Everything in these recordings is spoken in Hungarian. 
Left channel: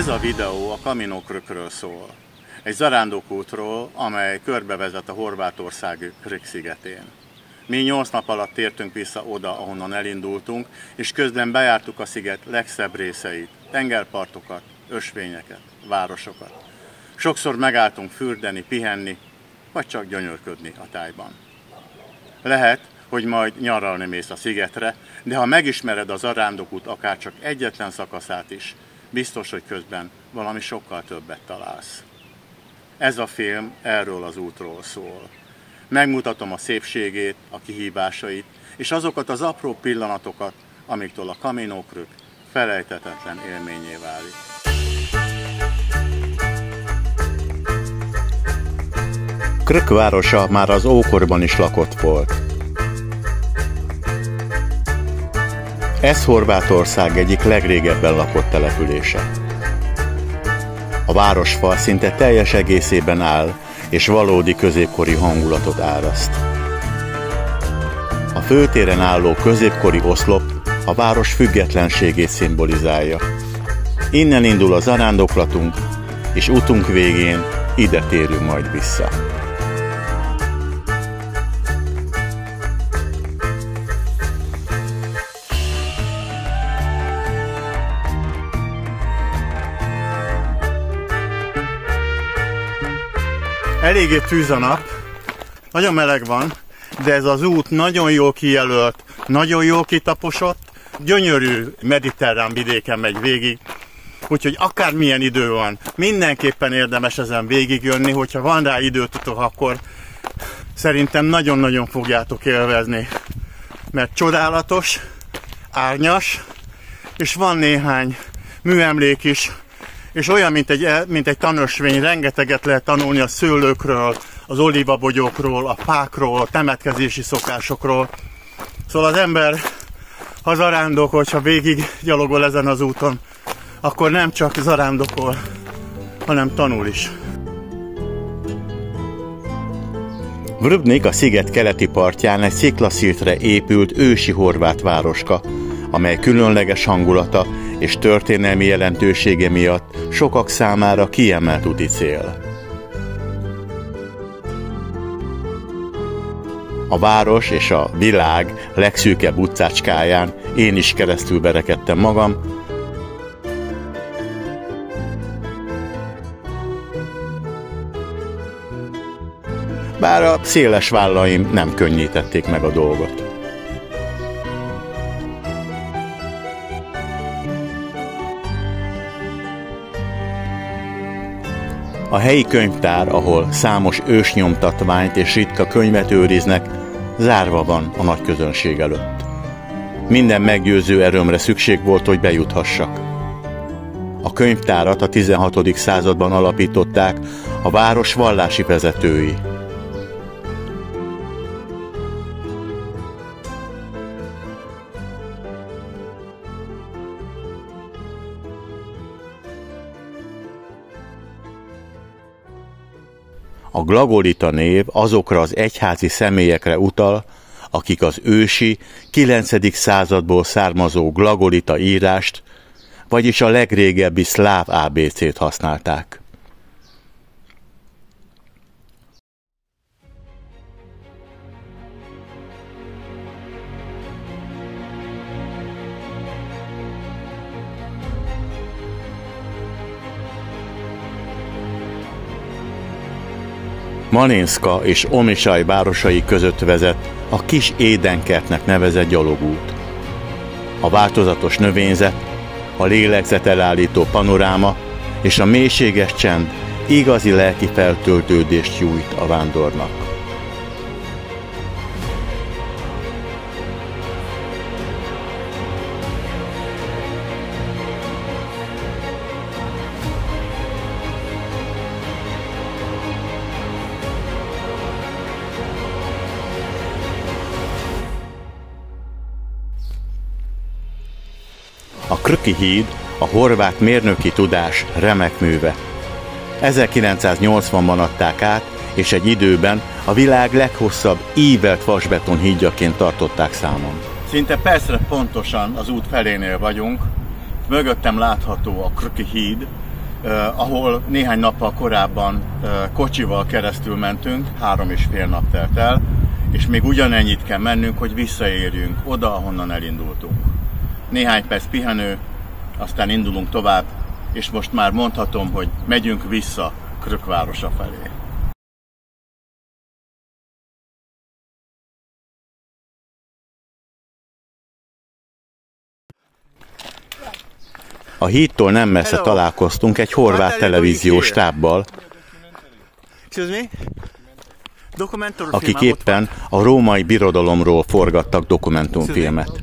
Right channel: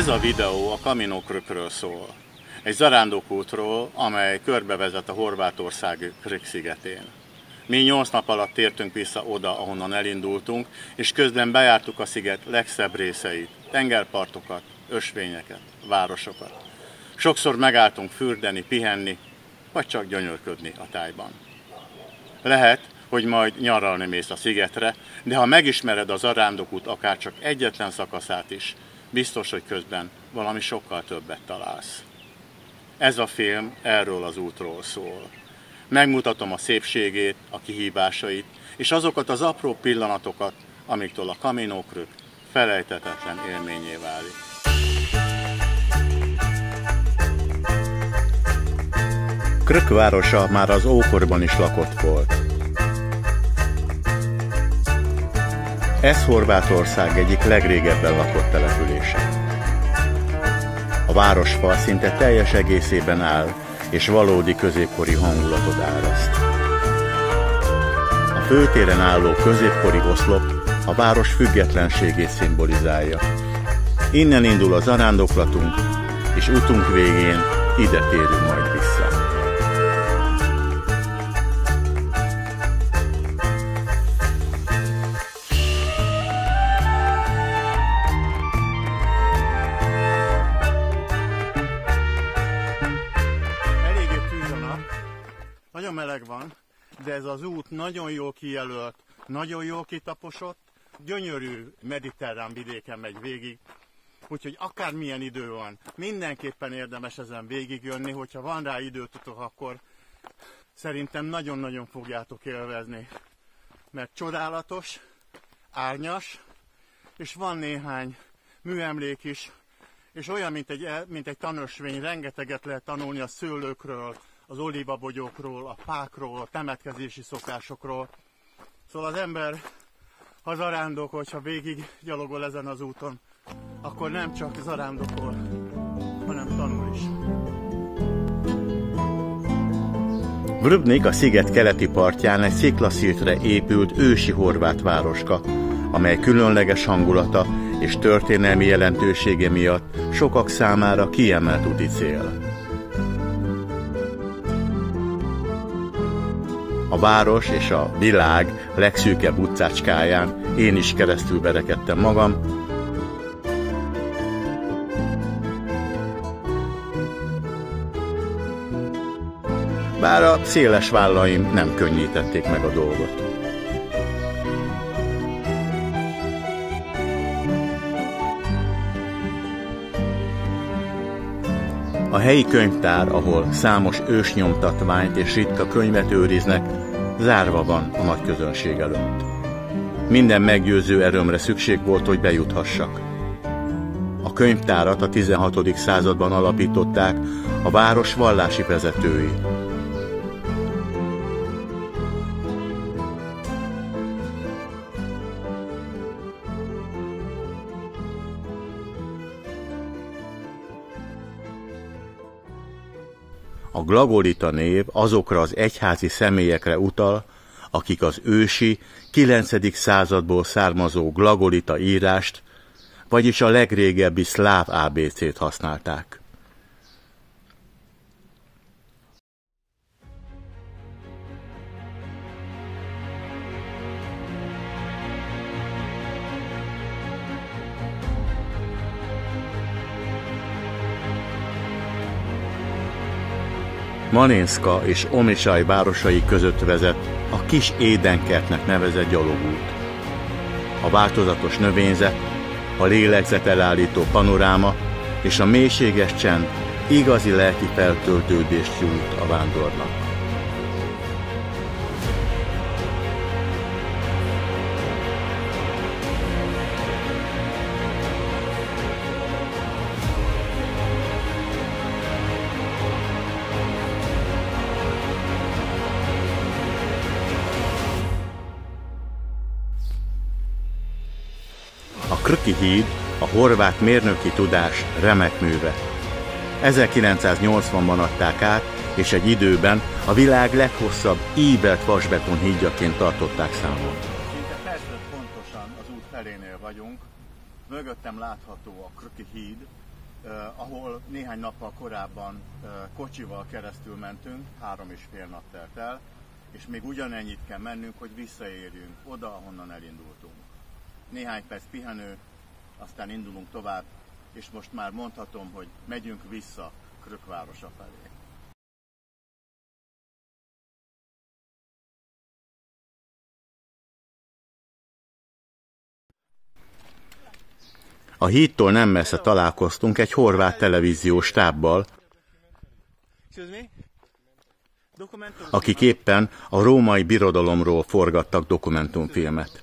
Ez a videó a Camino Krükről szól. Egy zarándokútról, amely körbevezet a horvátországi Krk szigetén. Mi 8 nap alatt tértünk vissza oda, ahonnan elindultunk, és közben bejártuk a sziget legszebb részeit, tengerpartokat, ösvényeket, városokat. Sokszor megálltunk fürdeni, pihenni, vagy csak gyönyörködni a tájban. Lehet, hogy majd nyaralni mész a szigetre, de ha megismered a zarándokút akár csak egyetlen szakaszát is, biztos, hogy közben valami sokkal többet találsz. Ez a film erről az útról szól. Megmutatom a szépségét, a kihívásait, és azokat az apró pillanatokat, amiktől a Camino Krük felejthetetlen élményé válik. Krk városa már az ókorban is lakott volt. Ez Horvátország egyik legrégebben lakott települése. A városfal szinte teljes egészében áll, és valódi középkori hangulatot áraszt. A főtéren álló középkori oszlop a város függetlenségét szimbolizálja. Innen indul a zarándoklatunk, és utunk végén ide térünk majd vissza. Eléggé tűz a nap, nagyon meleg van, de ez az út nagyon jól kijelölt, nagyon jól kitaposott, gyönyörű mediterrán vidéken megy végig, úgyhogy akármilyen idő van, mindenképpen érdemes ezen végigjönni, hogyha van rá időtötök, akkor szerintem nagyon-nagyon fogjátok élvezni, mert csodálatos, árnyas, és van néhány műemlék is, és olyan, mint egy tanösvény, rengeteget lehet tanulni a szőlőkről, az olívabogyókról, a fákról, a temetkezési szokásokról. Szóval az ember, ha zarándokol, hogyha végig gyalogol ezen az úton, akkor nem csak zarándokol, hanem tanul is. Vrbnik a sziget keleti partján egy sziklaszirtre épült ősi horvát városka, amely különleges hangulata és történelmi jelentősége miatt sokak számára kiemelt úti cél. A város és a világ legszűkebb utcácskáján én is keresztül berekedtem magam, bár a széles vállaim nem könnyítették meg a dolgot. A helyi könyvtár, ahol számos ősnyomtatványt és ritka könyvet őriznek, zárva van a nagy közönség előtt. Minden meggyőző erőmre szükség volt, hogy bejuthassak. A könyvtárat a 16. században alapították a város vallási vezetői. A glagolita név azokra az egyházi személyekre utal, akik az ősi, 9. századból származó glagolita írást, vagyis a legrégebbi szláv ABC-t használták. Malinszka és Omišalj városai között vezet a Kis Édenkertnek nevezett gyalogút. A változatos növényzet, a lélegzetelállító panoráma és a mélységes csend igazi lelki feltöltődést nyújt a vándornak. A Krki híd a horvát mérnöki tudás remek műve. 1980-ban adták át, és egy időben a világ leghosszabb ívelt vasbeton hídjaként tartották számon. Szinte percre pontosan az út felénél vagyunk. Mögöttem látható a Krki híd, ahol néhány nappal korábban kocsival keresztül mentünk, 3,5 nap telt el, és még ugyanennyit kell mennünk, hogy visszaérjünk oda, ahonnan elindultunk. Néhány perc pihenő, aztán indulunk tovább, és most már mondhatom, hogy megyünk vissza Krk városa felé. A hídtól nem messze találkoztunk egy horvát televíziós stábbal, akik éppen a római birodalomról forgattak dokumentumfilmet.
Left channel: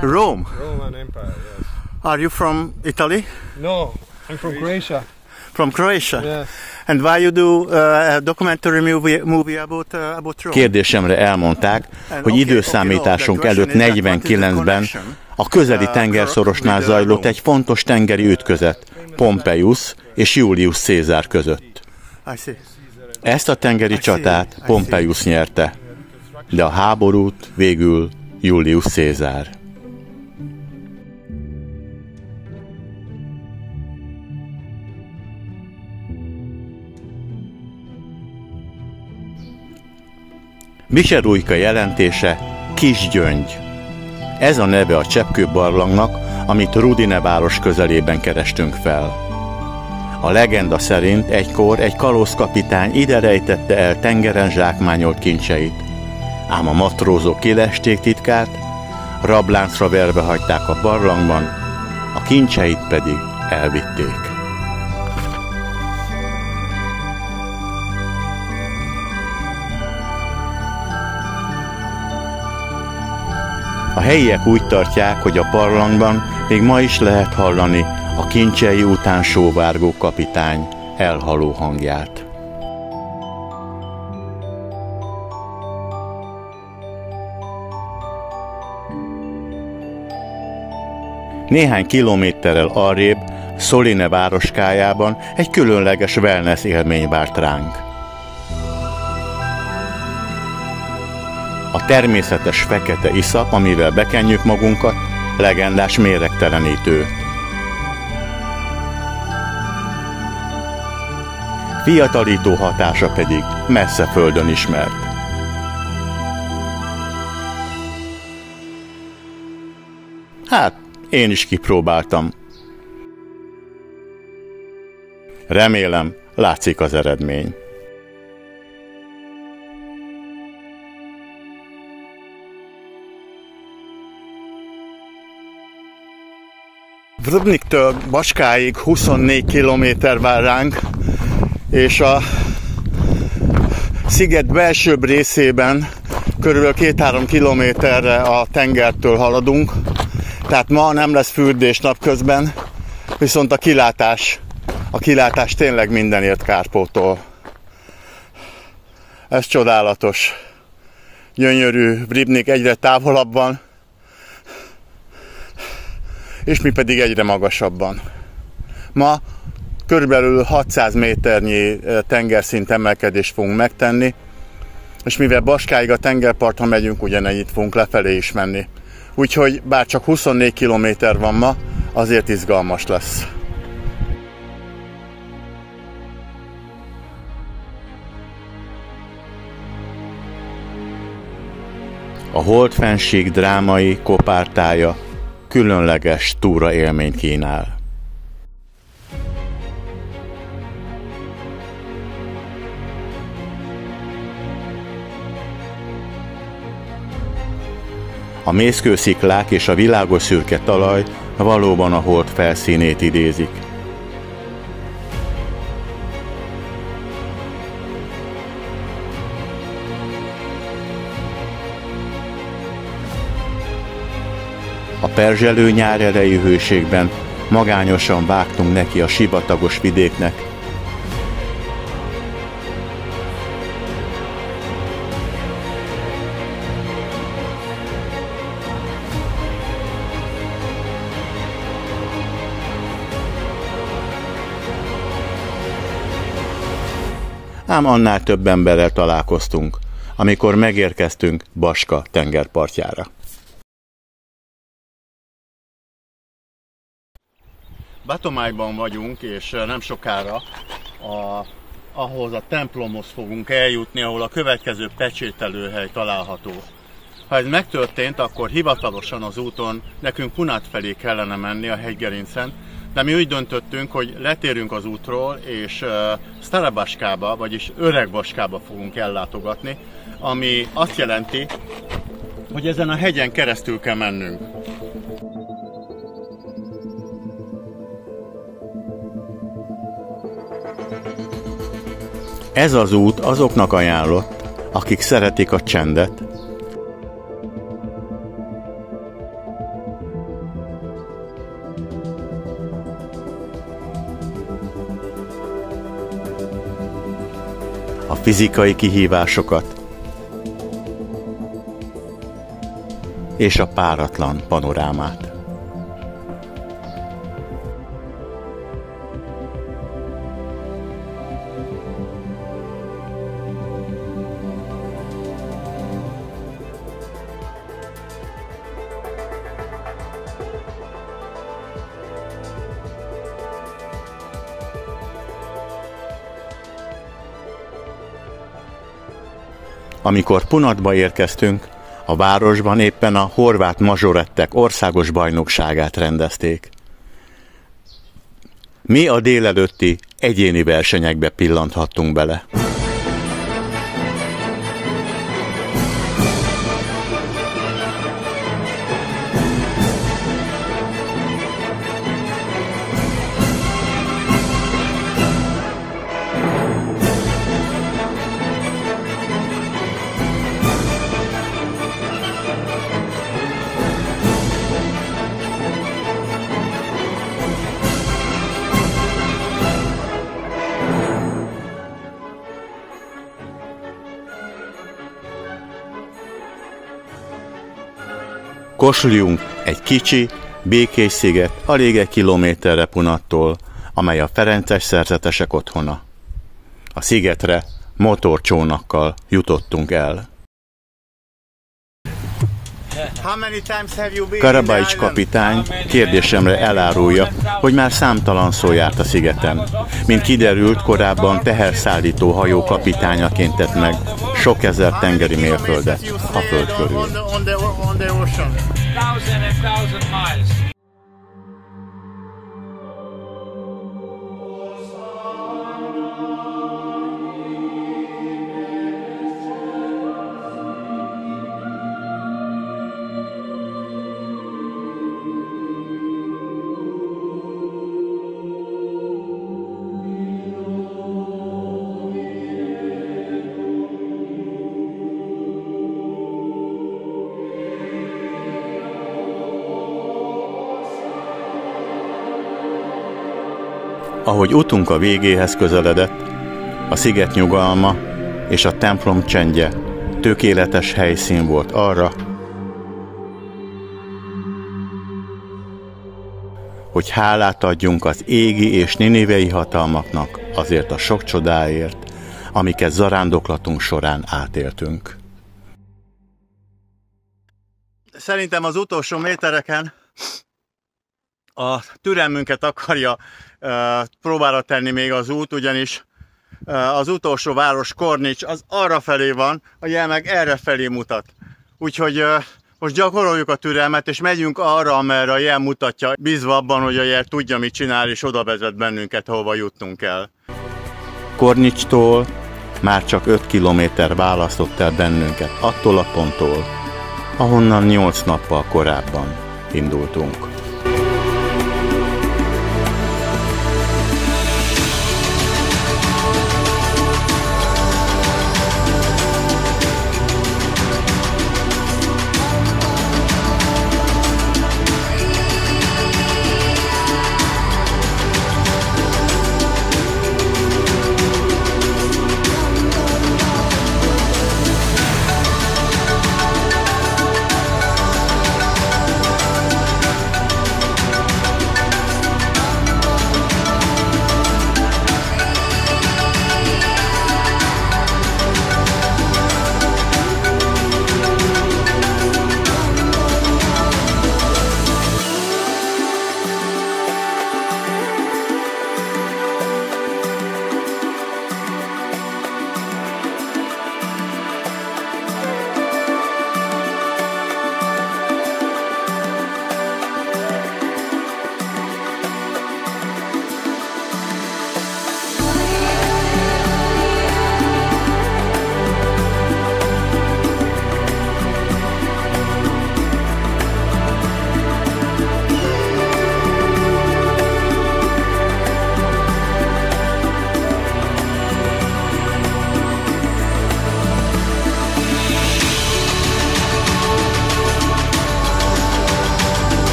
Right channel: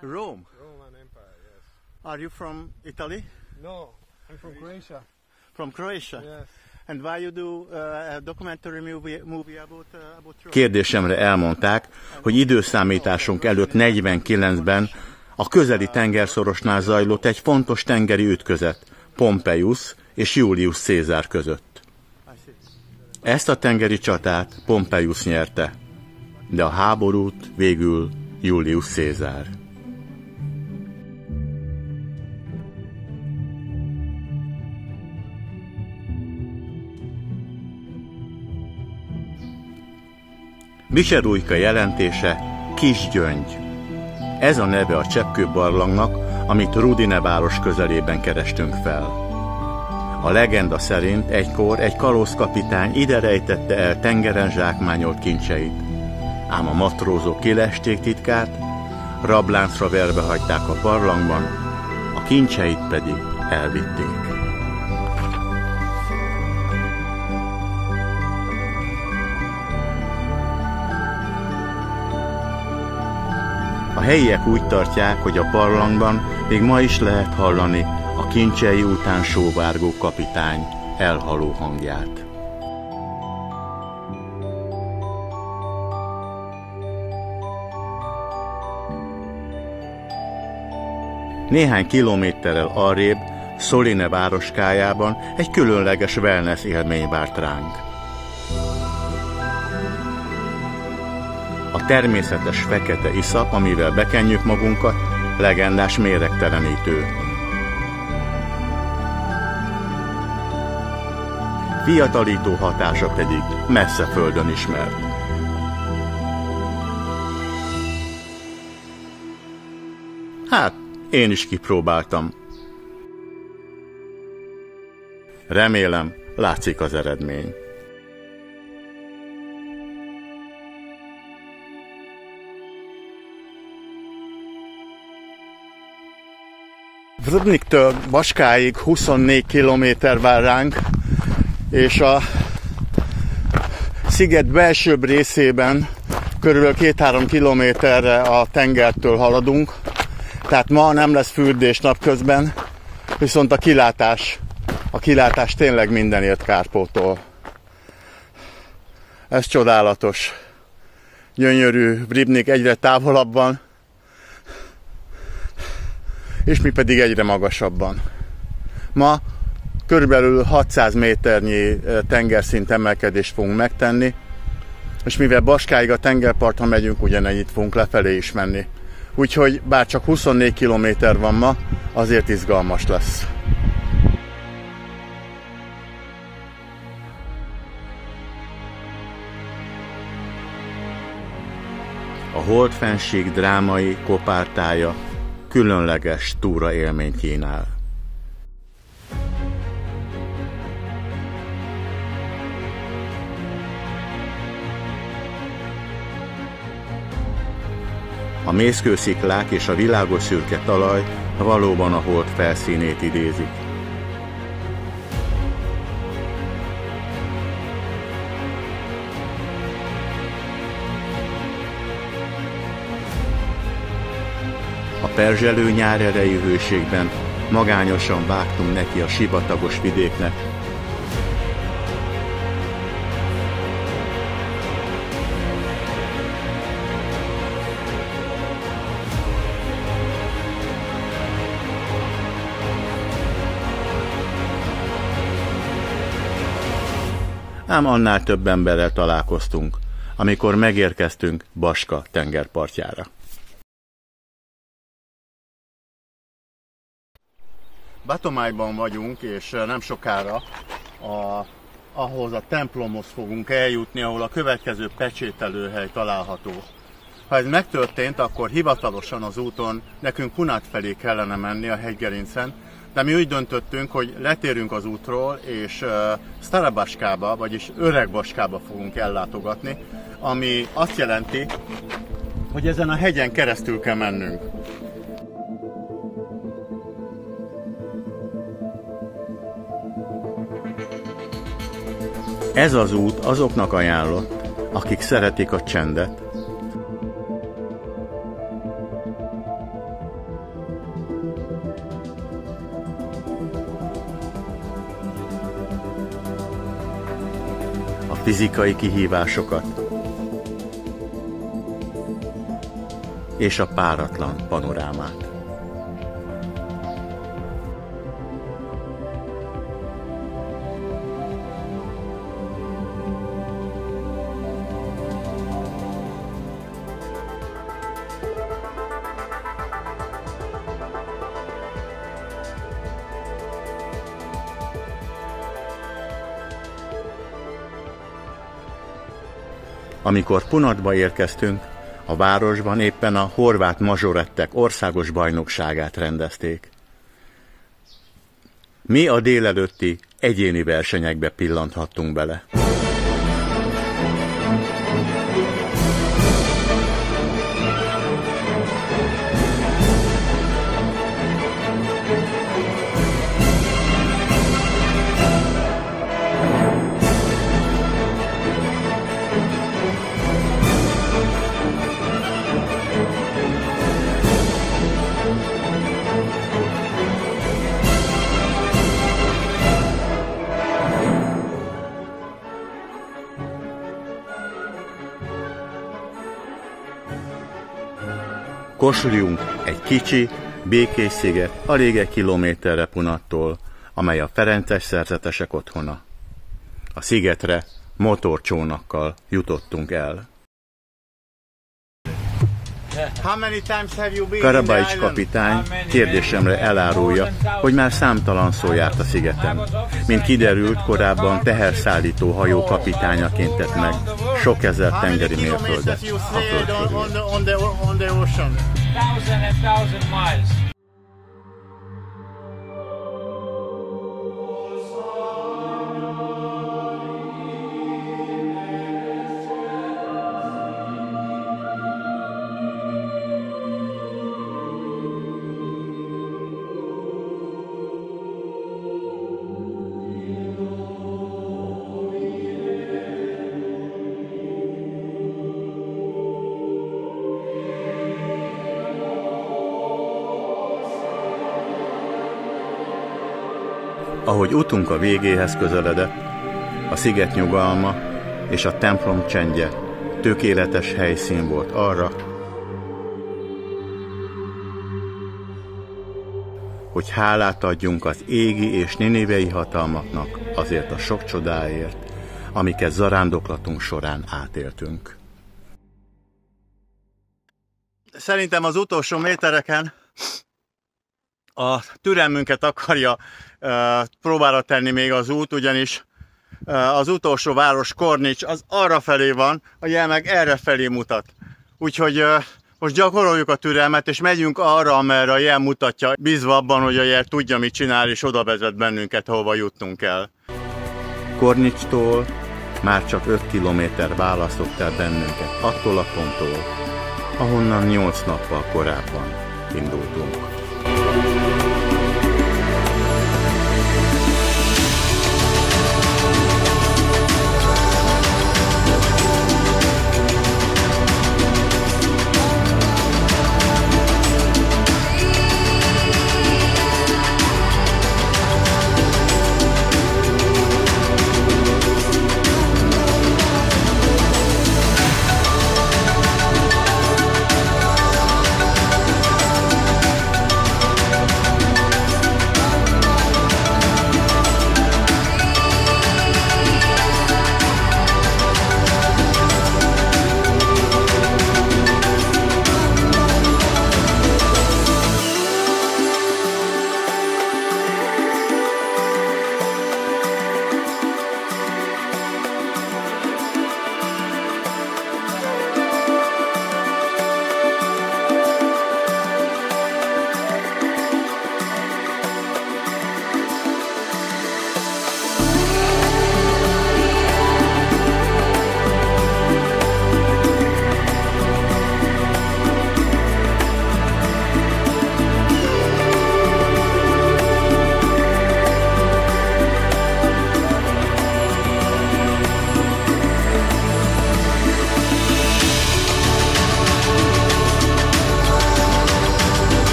Rome? Roman Empire, yes. Are you from Italy? No, I'm from Croatia. From Croatia? Yes. And why you do a documentary movie about Rome? Kérdésemre elmondták, hogy időszámításunk előtt 49-ben a közeli tengerszorosnál zajlott egy fontos tengeri ütközet Pompeius és Julius Cézár között. Ezt a tengeri csatát Pompeius nyerte, de a háborút végül Julius Cézár. Biserújka jelentése Kisgyöngy. Ez a neve a cseppkőbarlangnak, amit Rudine város közelében kerestünk fel. A legenda szerint egykor egy kalózkapitány ide rejtette el tengeren zsákmányolt kincseit. Ám a matrózok kilesték titkát, rabláncra verve hagyták a barlangban, a kincseit pedig elvitték. A helyiek úgy tartják, hogy a barlangban még ma is lehet hallani a kincsei után sóvárgó kapitány elhaló hangját. Néhány kilométerrel arrébb, Soline városkájában egy különleges wellness élmény várt ránk. A természetes fekete iszap, amivel bekenjük magunkat, legendás méregtelenítő. Fiatalító hatása pedig messze földön ismert. Hát, én is kipróbáltam. Remélem, látszik az eredmény. Ribniktől Baskáig 24 kilométer vár ránk, és a sziget belsőbb részében körülbelül 2-3 kilométerre a tengertől haladunk, tehát ma nem lesz fürdés napközben, viszont a kilátás tényleg mindenért kárpótol. Ez csodálatos. Gyönyörű Ribnik egyre távolabban, és mi pedig egyre magasabban. Ma körülbelül 600 méternyi tengerszint emelkedést fogunk megtenni, és mivel Baskáig a tengerparton megyünk, ugyanennyit fogunk lefelé is menni. Úgyhogy bár csak 24 kilométer van ma, azért izgalmas lesz. A Holdfennsík drámai kopártája különleges túraélményt kínál. A mészkősziklák és a világos szürke talaj valóban a hold felszínét idézik. A perzselő nyár erejű hőségben magányosan vágtunk neki a sivatagos vidéknek. Ám annál több emberrel találkoztunk, amikor megérkeztünk Baska tengerpartjára. Batomájban vagyunk, és nem sokára ahhoz a templomhoz fogunk eljutni, ahol a következő pecsételőhely található. Ha ez megtörtént, akkor hivatalosan az úton nekünk Kunát felé kellene menni a hegygerincen, de mi úgy döntöttünk, hogy letérünk az útról, és Starabaskába, vagyis Öregbaskába fogunk ellátogatni, ami azt jelenti, hogy ezen a hegyen keresztül kell mennünk. Ez az út azoknak ajánlott, akik szeretik a csendet, a fizikai kihívásokat és a páratlan panorámát. Amikor Punatba érkeztünk, a városban éppen a horvát mazsorettek országos bajnokságát rendezték. Mi a délelőtti egyéni versenyekbe pillanthattunk bele. Kossuth egy kicsi, békés sziget alig 1 kilométerre Punattól, amely a ferences szerzetesek otthona. A szigetre motorcsónakkal jutottunk el. Karabaics kapitány kérdésemre elárulja, hogy már számtalan szó járt a szigeten. Mint kiderült, korábban teherszállító hajó kapitányaként tett meg sok ezer tengeri mérföldet a föld körül. Ahogy utunk a végéhez közeledett, a sziget nyugalma és a templom csendje tökéletes helyszín volt arra, hogy hálát adjunk az égi és ninivei hatalmaknak azért a sok csodáért, amiket zarándoklatunk során átéltünk. Szerintem az utolsó métereken a türelmünket akarja próbára tenni még az út, ugyanis az utolsó város, Kornics, az arra felé van, a jel meg erre felé mutat. Úgyhogy most gyakoroljuk a türelmet, és megyünk arra, amerre a jel mutatja, bízva abban, hogy a jel tudja, mit csinál, és oda vezet bennünket, ahova jutnunk kell. Kornicstól már csak 5 kilométer választott el bennünket attól a ponttól, ahonnan 8 nappal korábban indultunk.